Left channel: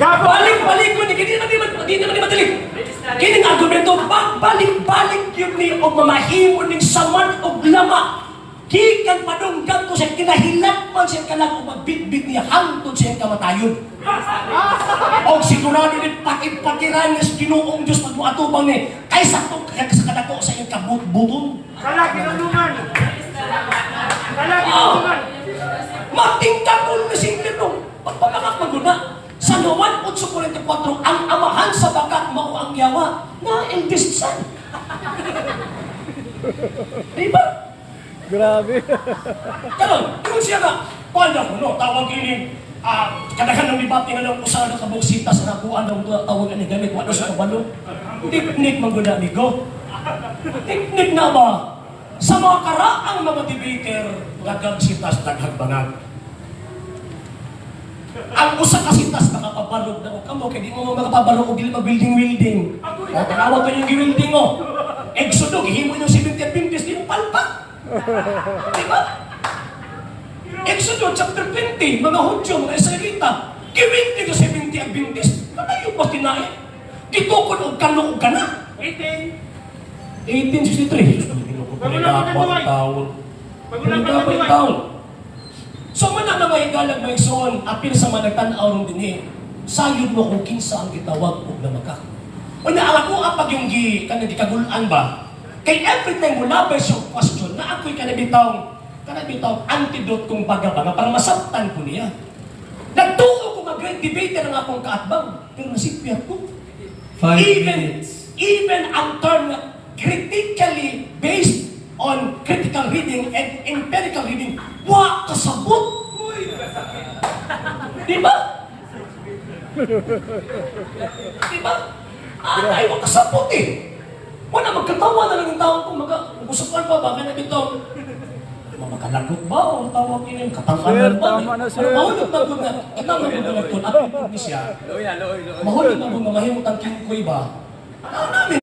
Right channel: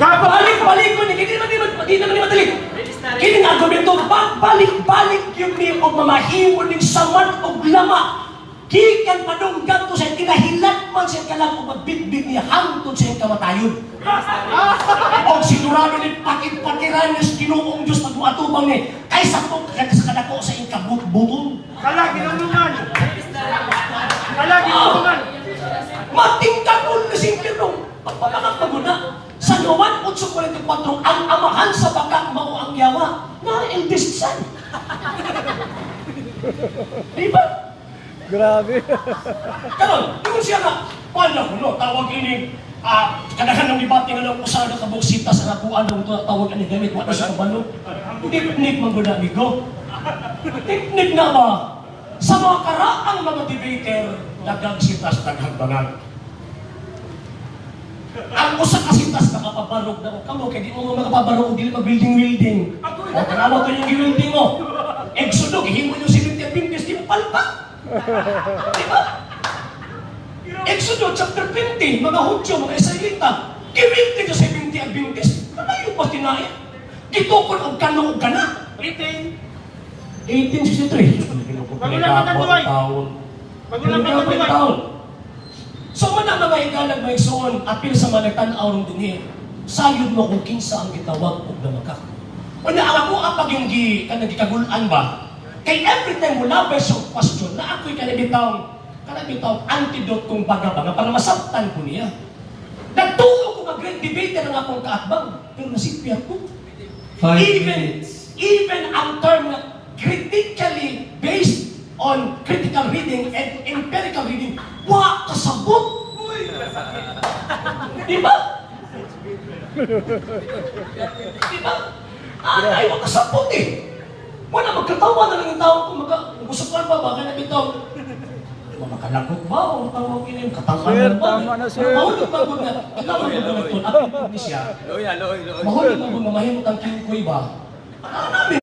Balik-balik mo ni, hindi naman madali. Kini nga argumento, balik-balik yun ni o mamahimo ning saman o lama. Gikan madunggan ko siya, kinahilat man siya ka lang o magbitbit niya hangtod siya kamatayon. O sigurado ni pakit-patiran niya sa Ginoong Diyos pag muatubang ni, kaysa kung sa kadako sa iyong kabutbutong. Kalagi ng luman. Kalagi ng luman. Matingkakul na singkirong pagpamakakaguna. Sa Luan 8:44, ang amahan sa bakak mao ang yawa na eldest son. Diba? Grabe. Karon, kung siya na, paano, no, tawag ini, kadahan ng debate nga lang usaha na kabuksita sa nakuan ng tawag ani ganit, wala sa kabalo. Teknik mangguda ni Go. Teknik na ba? Sa mga karaang mga debater, nagagsita sa daghang banag. Ang usa ka sitas makapabarog na o kamo, kaya di mo makapabarog o dili mag-building-building. O, tanawa to yung building mo. Exodo, gihimo yung 70 Adventist, di mo palpak. Diba? Exodo chapter 20, mga Hudyo, mga Israelita, gimilti ka 70 Adventist, kanayo pa tinahin. Gitukol ang kanong gana. 1863. Taon. So man ang namahigalag mo igsoon, apil sa mga nagtanaw ng dinhi, sayod mo kung kinsa ang gitawag og namakak. O na ako ang pagyunggi kanang gikagulan ba? Kay every time mo labas yung question na ako'y kanabitawang antidote kong baga-baga para masabtan ko niya. Nagtuo ko mag-great debater ang akong kaatbang, pero nasipya ko. 5 minutes. Even ang term na critically based on critical reading and empirical reading, wa kasabot. Di ba? Di ba? Ay, wa kasabot eh. Wala, magkatawa na lang yung tao kung gusto ko pa, baka na ito. Makalakot ba? Ang tawag yun, katanganan ba? Sir, tama na, sir. Mahulog ba ko na? Kailangan ko na ito. Mahulog ba ko na mahimot ang kingkoy ba?